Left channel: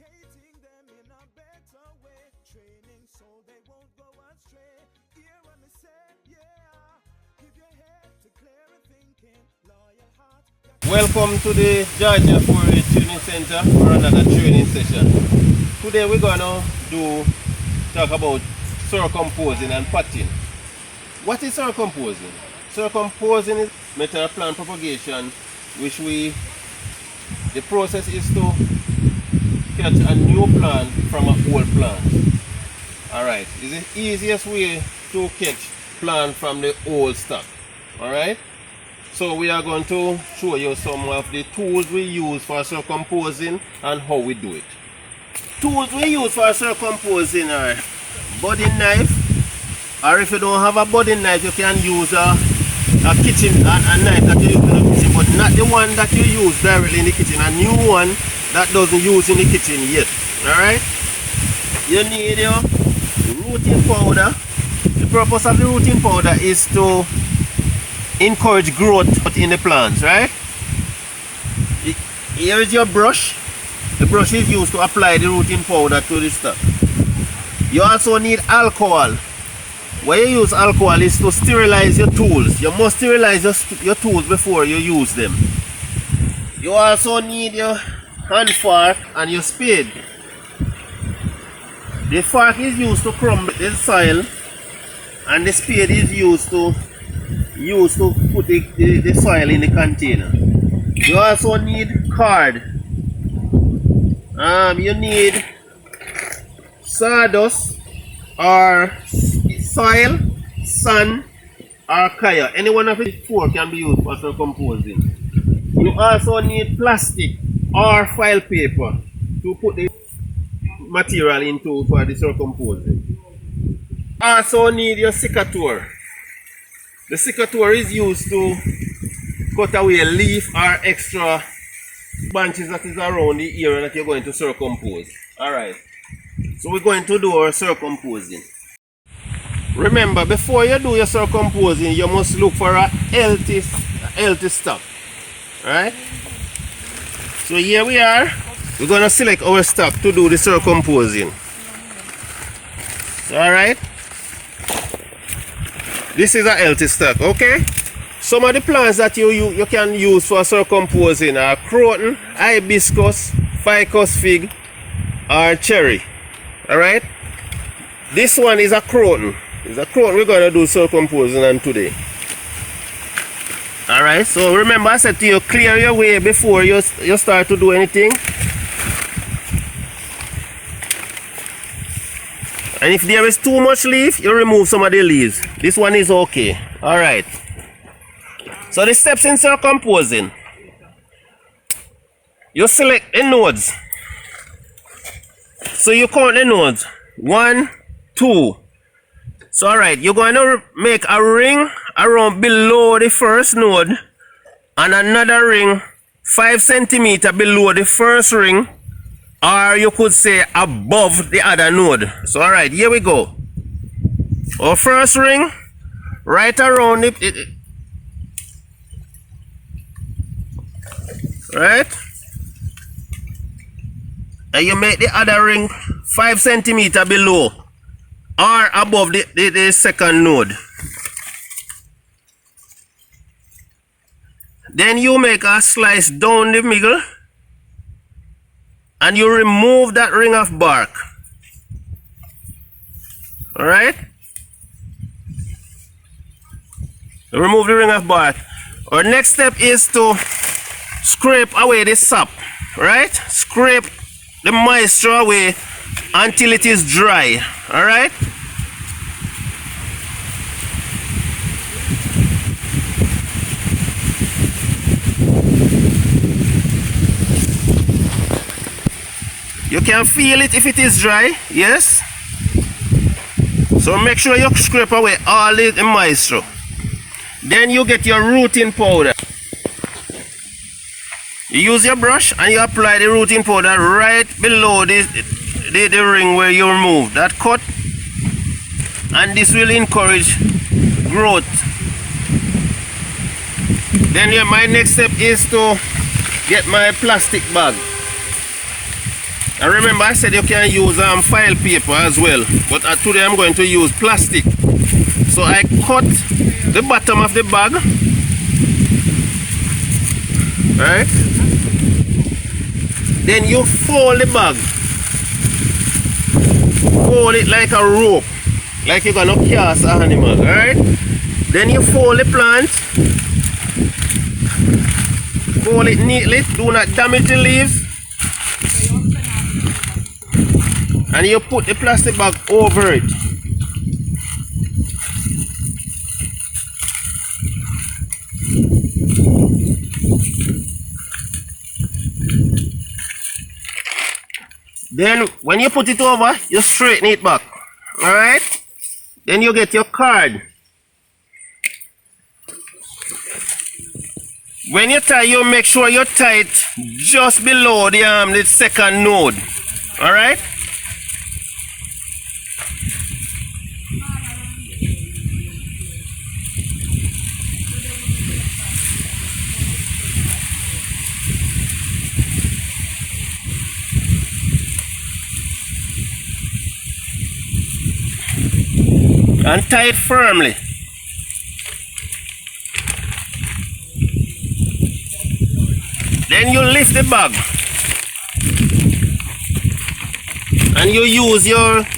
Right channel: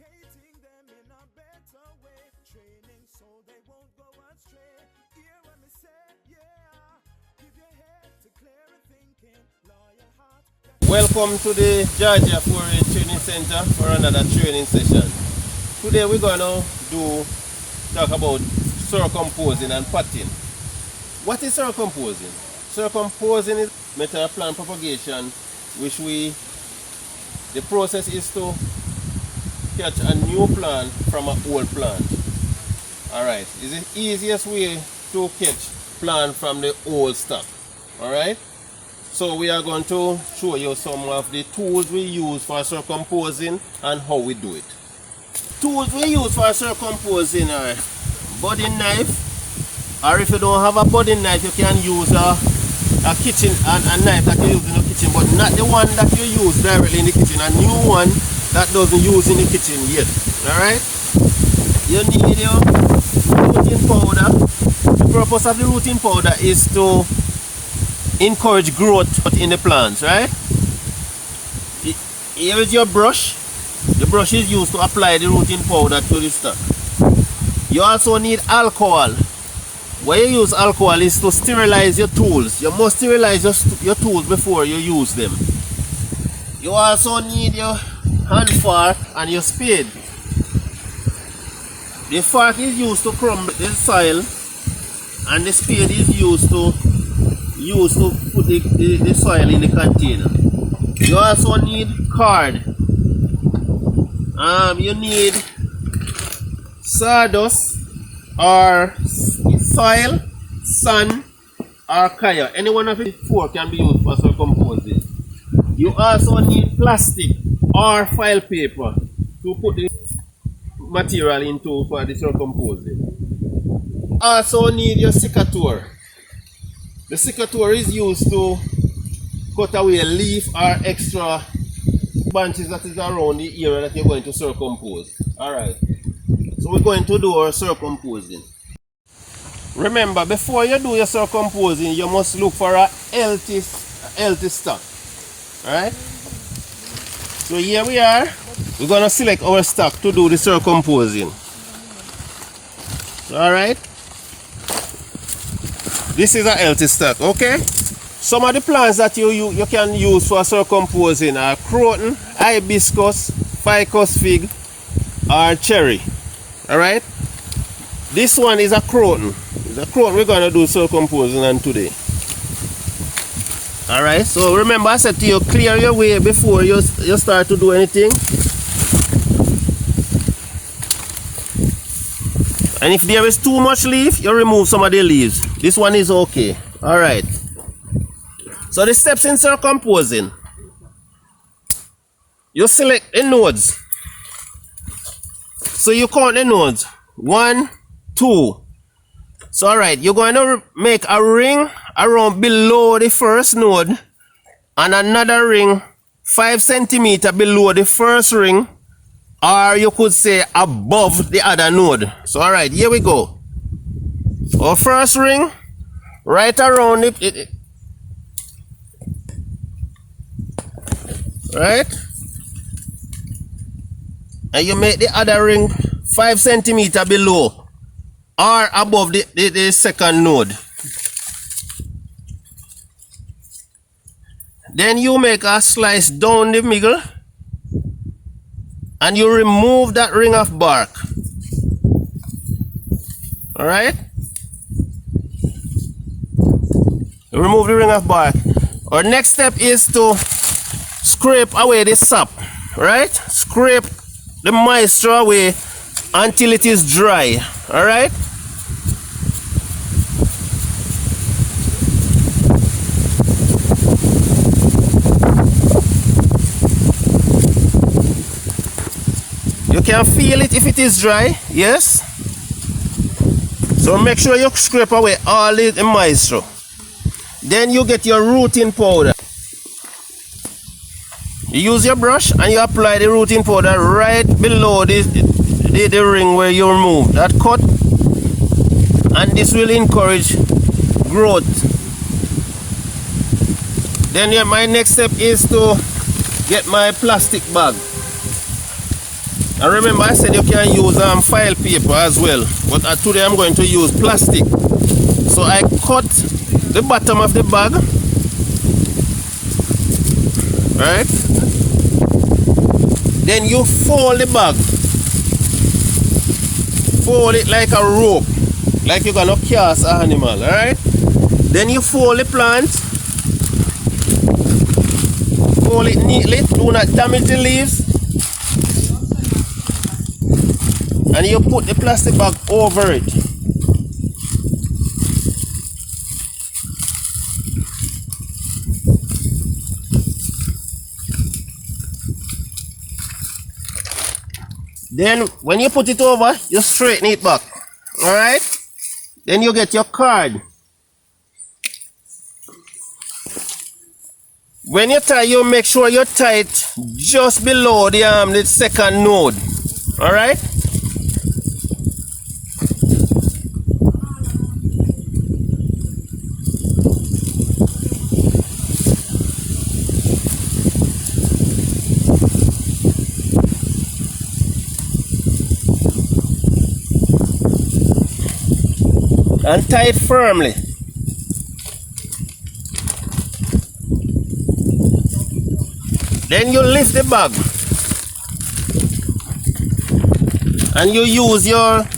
educating them in a better way, training so they won't go astray. Hear what me say, yeah. Give your head to clear thinking, loyal heart. Welcome to the Georgia Foreign Training Center for another training session. Today we're gonna talk about circumposing and potting. What is circumposing? Circumposing is method of plant propagation, which the process is to catch a new plant from an old plant. Alright, it's the easiest way to catch plant from the old stock. Alright, so we are going to show you some of the tools we use for circumposing and how we do it. Tools we use for circumposing are budding knife, or if you don't have a budding knife, you can use a kitchen a knife that you use in the kitchen, but not the one that you use directly in the kitchen. A new one that doesn't use in the kitchen yet. Alright? You need your rooting powder. The purpose of the rooting powder is to encourage growth in the plants, right? Here is your brush. The brush is used to apply the rooting powder to the stock. You also need alcohol. Why you use alcohol is to sterilize your tools. You must sterilize your tools before you use them. You also need your hand fork and your spade. The fork is used to crumble the soil, and the spade is used to put the soil in the container. You also need cord. You need sawdust or soil, sand, or kaya. Any one of the four can be used for circumposing. You also need plastic or file paper to put the material into for the circumposing. Also need your secateur. The secateur is used to cut away a leaf or extra branches that is around the area that you're going to circumpose. Alright, so we're going to do our circumposing. Remember, before you do your circumposing, you must look for a healthy stock. Alright, so here we are. We're going to select our stock to do the circumposing. Alright, this is a healthy stock. Okay, some of the plants that you can use for circumposing are croton, hibiscus, ficus fig, or cherry. Alright, this one is a croton. It's a croton we're going to do circumposing on today. Alright, so remember I said to you, clear your way before you start to do anything. And if there is too much leaf, you remove some of the leaves. This one is okay. Alright. So the steps in circumposing. You select the nodes. So you count the nodes. 1, 2. So alright, you're going to make a ring around below the first node and another ring 5 centimeters below the first ring, or you could say above the other node. So alright, here we go. Our first ring right around it, right, and you make the other ring 5 centimeters below or above the second node. Then you make a slice down the middle and you remove that ring of bark. Alright, remove the ring of bark. Our next step is to scrape away the sap. Right, scrape the moisture away until it is dry. Alright, you can feel it if it is dry. Yes, so make sure you scrape away all the moisture. Then you get your rooting powder. You use your brush and you apply the rooting powder right below the ring where you remove that cut, and this will encourage growth. Then my next step is to get my plastic bag. And remember I said you can use file paper as well, but today I'm going to use plastic. So I cut the bottom of the bag, right? Then you fold the bag, fold it like a rope, like you're gonna cast an animal, right? Then you fold the plant, fold it neatly, do not damage the leaves, and you put the plastic bag over it. Then when you put it over, you straighten it back. Alright? Then you get your card. When you tie, you make sure you tie it just below the second node. Alright? And tie it firmly. Then you lift the bag and you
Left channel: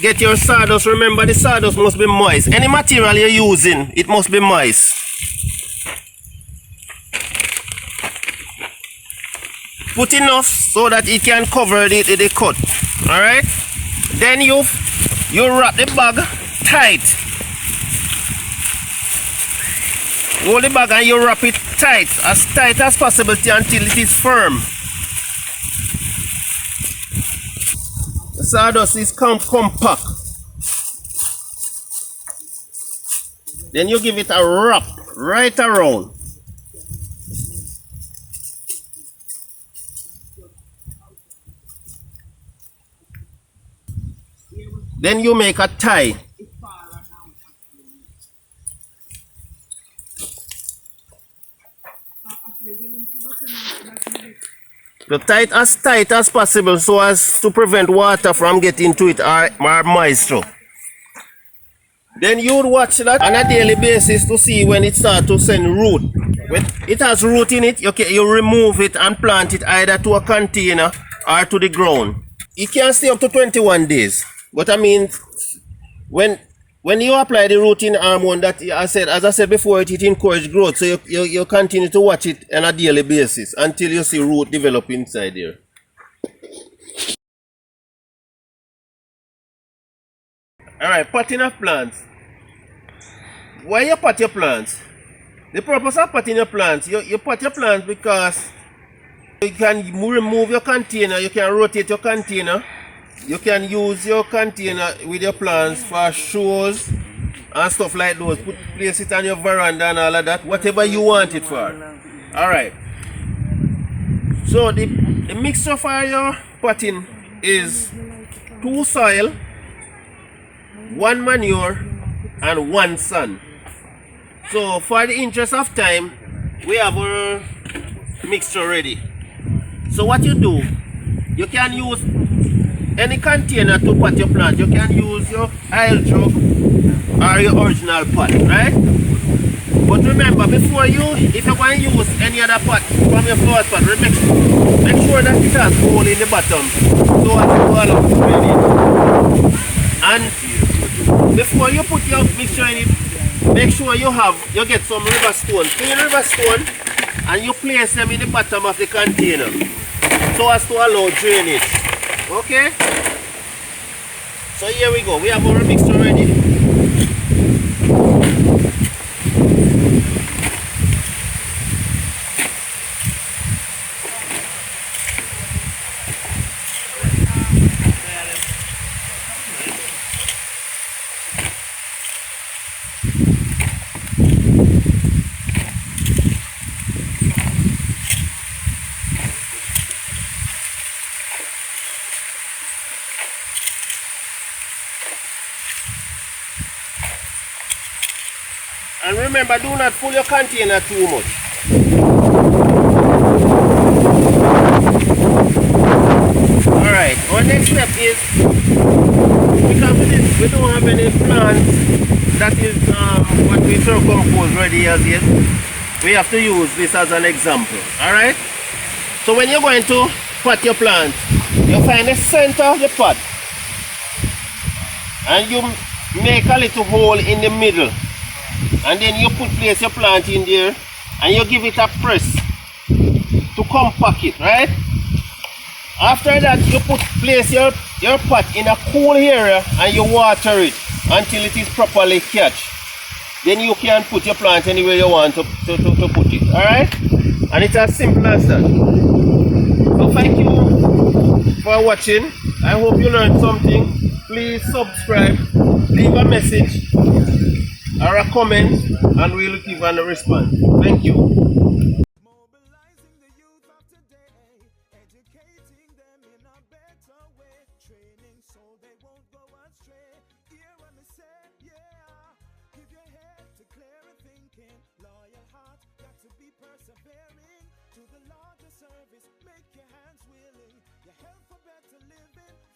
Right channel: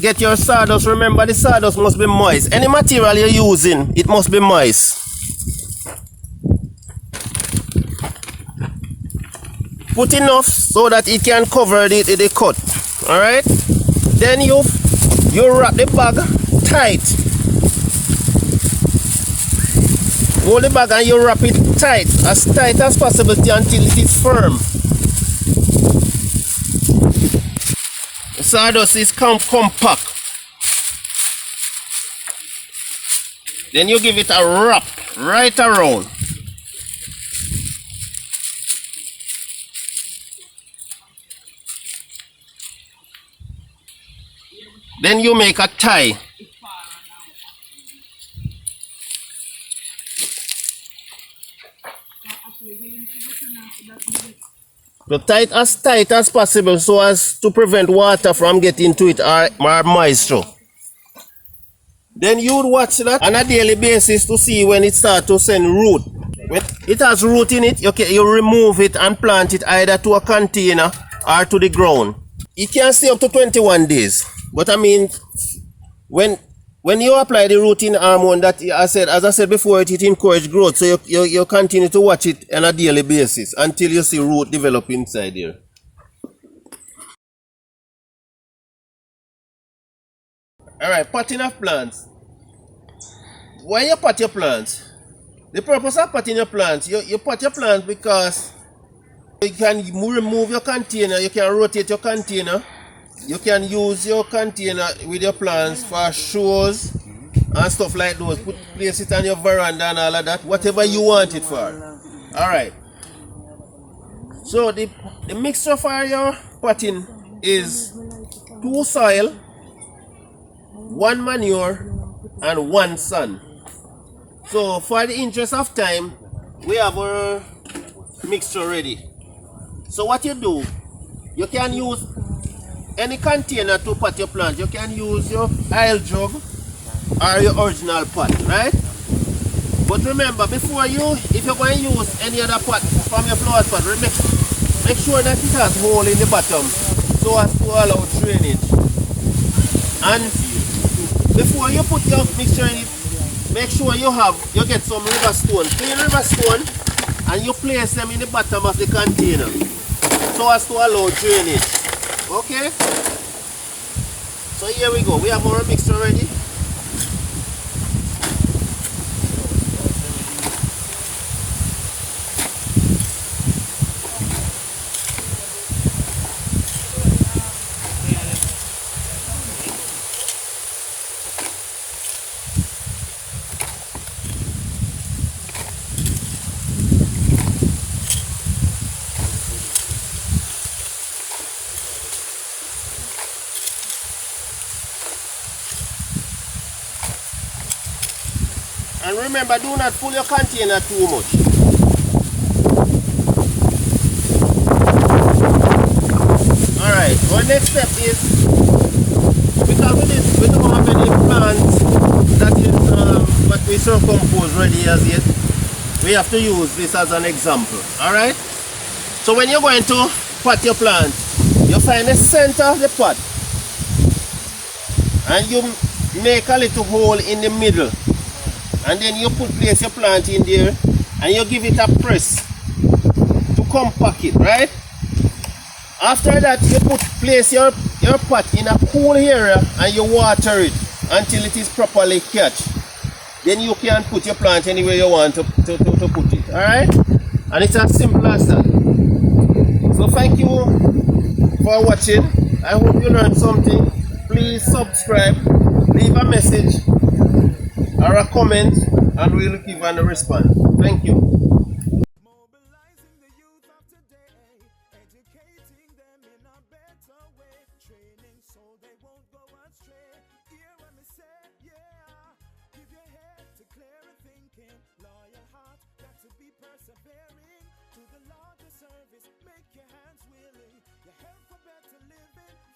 get your sawdust. Remember, the sawdust must be moist. Any material you're using, it must be moist. Put enough so that it can cover the cut. Alright? Then you wrap the bag tight. Hold the bag and you wrap it tight as possible until it is firm. The sawdust is compact. Then you give it a wrap right around. Then you make a tie. So tight as possible so as to prevent water from getting to it or moisture. Then you would watch that on a daily basis to see when it starts to send root. When it has root in it, you remove it and plant it either to a container or to the ground. It can stay up to 21 days. But I mean, when you apply the rooting hormone that as I said before, it encourages growth. So you continue to watch it on a daily basis until you see root develop inside there. Alright, potting of plants. Why you pot your plants? The purpose of potting your plants, you pot your plants because you can remove your container, you can rotate your container. You can use your container with your plants for shows and stuff like those. Place it on your veranda and all of that. Whatever you want it for. Alright. So the mixture for your potting is 2 soil, 1 manure, and 1 sun. So for the interest of time, we have our mixture ready. So what you do, you can use any container to pot your plant. You can use your oil jug or your original pot, right? But remember, if you're going to use any other pot from your flower pot, make sure that it has hole in the bottom so as to allow drainage. And before you put your mixture in it, make sure you get some river stone, clean river stone, and you place them in the bottom of the container so as to allow drainage. Okay, so here we go. We have our mixture ready. And remember, do not fill your container too much. Alright, Our next step is, because we don't have any plants that is what we circumpose ready as yet, we have to use this as an example. Alright? So when you're going to pot your plant, you find the center of the pot and you make a little hole in the middle, and then you place your plant in there and you give it a press to compact it, right? After that, you place your pot in a cool area and you water it until it is properly catch. Then you can put your plant anywhere you want to put it. Alright? And it's as simple as that. So thank you for watching. I hope you learned something. Please subscribe, leave a message or a comment, and we'll give a response. Thank you. Mobilizing the youth of today, educating them in a better way, training so they won't go astray. Hear what me say, yeah. Give your head to clear thinking, loyal heart, got to be persevering. To the Lord the service, make your hands willing, your health for better living.